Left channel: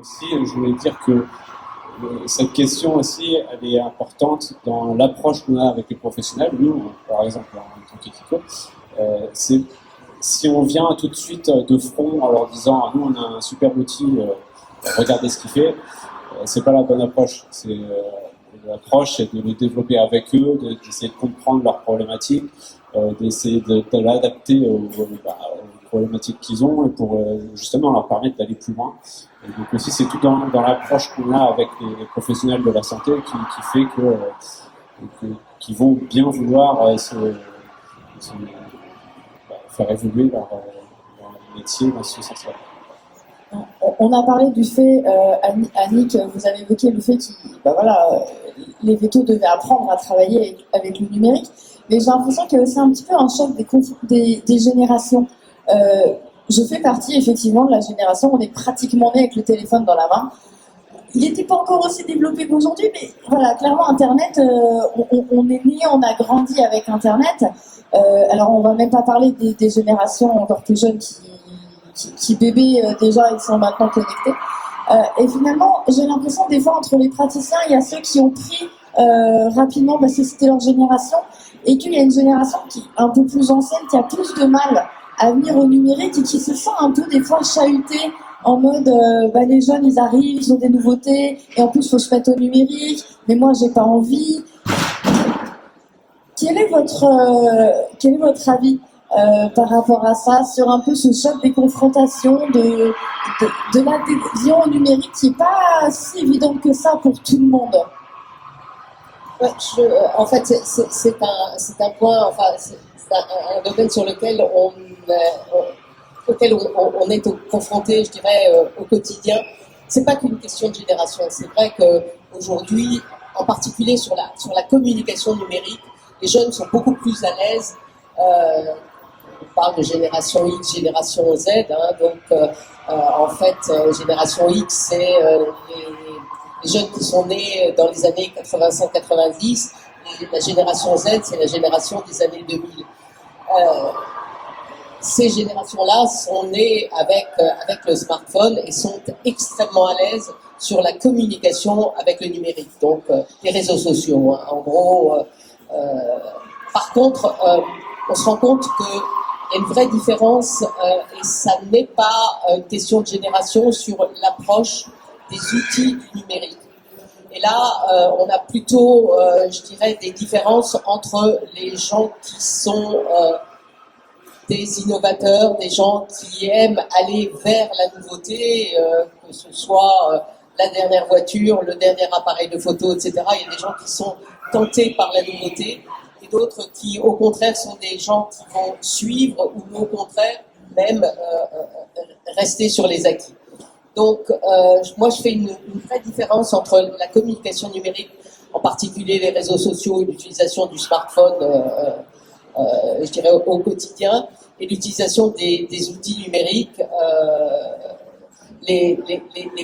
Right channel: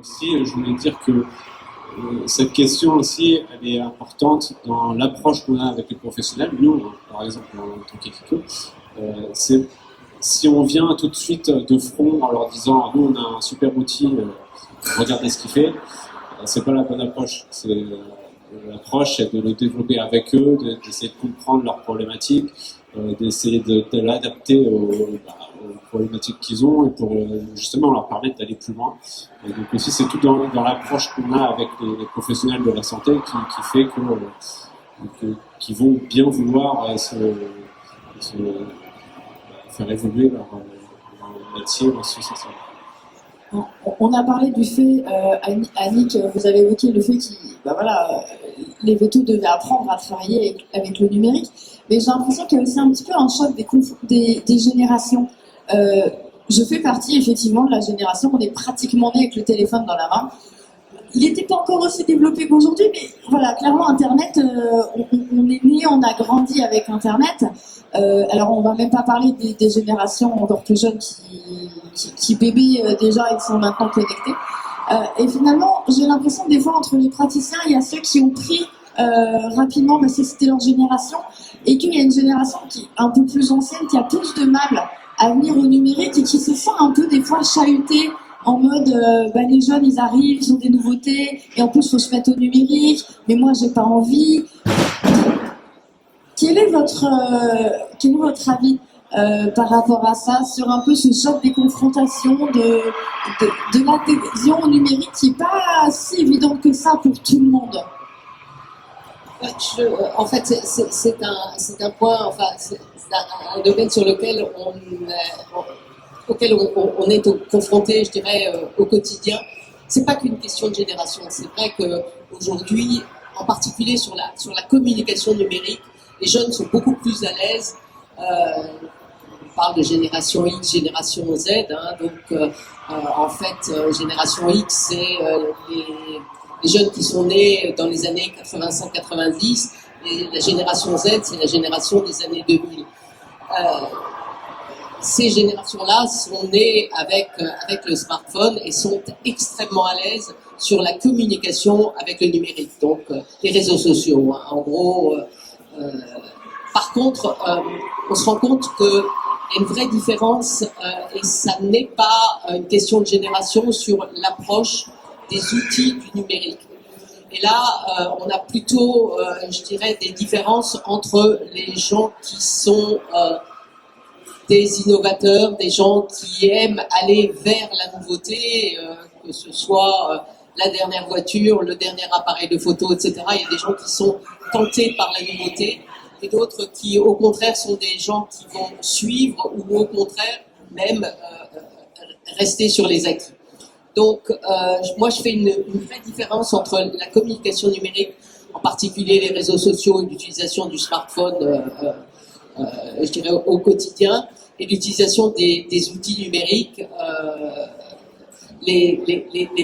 Aussi, je voulais dire que cette question aussi, elle est importante dans l'approche qu'on a avec les professionnels. Nous, par exemple, en tant qu'équipe, c'est si on vient tout de suite de front en leur disant nous on a un super outil, regardez ce qu'il fait, c'est pas la bonne approche. L'approche c'est de le développer avec eux, d'essayer de comprendre leurs problématiques, d'essayer de l'adapter aux problématiques qu'ils ont et pour justement leur permettre d'aller plus loin. Et donc aussi c'est tout dans l'approche qu'on a avec les professionnels de la santé qui fait qu'ils vont bien vouloir faire évoluer leur métier dans ce sens-là. On a parlé du fait, Annick, vous avez évoqué le fait que les vétos devaient apprendre à travailler avec le numérique, mais j'ai l'impression qu'il y a aussi un petit peu un choc des générations. Je fais partie effectivement de la génération, on est pratiquement né avec le téléphone dans la main. Il n'était pas encore aussi développé qu'aujourd'hui, mais voilà, clairement Internet, on est né, on a grandi avec Internet. Alors on va même pas parler des générations encore plus jeunes qui bébés déjà ils sont maintenant connectés. Et finalement, j'ai l'impression des fois entre les praticiens, il y a ceux qui ont pris rapidement parce que c'était leur génération, et qu'il y a une génération qui est un peu plus ancienne qui a plus de mal à venir au numérique et qui se sent un peu des fois chahutée en mode les jeunes ils arrivent, ils ont des nouveautés et en plus il faut se mettre au numérique, mais moi j'ai pas envie. Quel est votre avis par rapport à ça, sur un peu ce choc des confrontations, de l'adhésion au numérique qui n'est pas si évidente que ça pour tout le monde? En fait, c'est un point, enfin, c'est un domaine sur lequel auquel on est confronté, je dirais, au quotidien. C'est pas qu'une question de génération. C'est vrai qu'aujourd'hui, en particulier sur la communication numérique, les jeunes sont beaucoup plus à l'aise. On parle de génération X, génération Z. En fait, génération X, c'est les jeunes qui sont nés dans les années 85-90. Et la génération Z, c'est la génération des années 2000. Ces générations-là sont nées avec le smartphone et sont extrêmement à l'aise sur la communication avec le numérique, donc les réseaux sociaux. Hein. En gros, par contre, on se rend compte qu'il y a une vraie différence et ça n'est pas une question de génération sur l'approche des outils du numérique. Et là, on a plutôt, je dirais, des différences entre les gens qui sont des innovateurs, des gens qui aiment aller vers la nouveauté, que ce soit la dernière voiture, le dernier appareil de photo, etc. Il y a des gens qui sont tentés par la nouveauté et d'autres qui, au contraire, sont des gens qui vont suivre ou au contraire, même rester sur les acquis. Donc, moi, je fais une vraie différence entre la communication numérique, en particulier les réseaux sociaux et l'utilisation du smartphone, je dirais, au quotidien, et l'utilisation des outils numériques. Les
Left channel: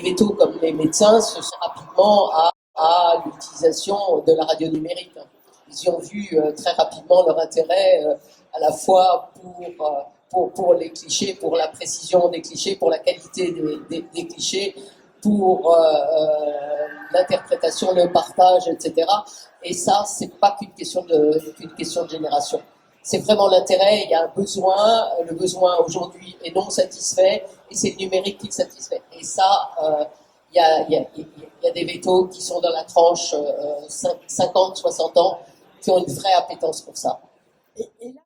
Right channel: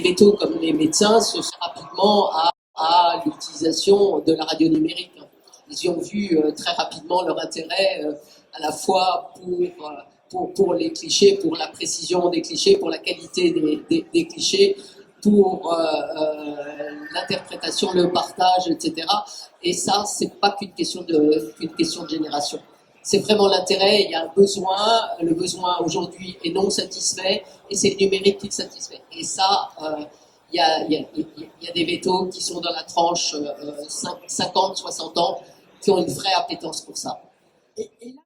vétos, comme les médecins, se sont rapidement à l'utilisation de la radio numérique. Ils y ont vu très rapidement leur intérêt, à la fois pour les clichés, pour la précision des clichés, pour la qualité des clichés, pour l'interprétation, le partage, etc. Et ça, c'est pas qu'une question de génération. C'est vraiment l'intérêt, il y a un besoin, le besoin aujourd'hui est non satisfait, et c'est le numérique qui le satisfait. Et ça, il y a des vétos qui sont dans la tranche 50, 60 ans, qui ont une vraie appétence pour ça. Et là,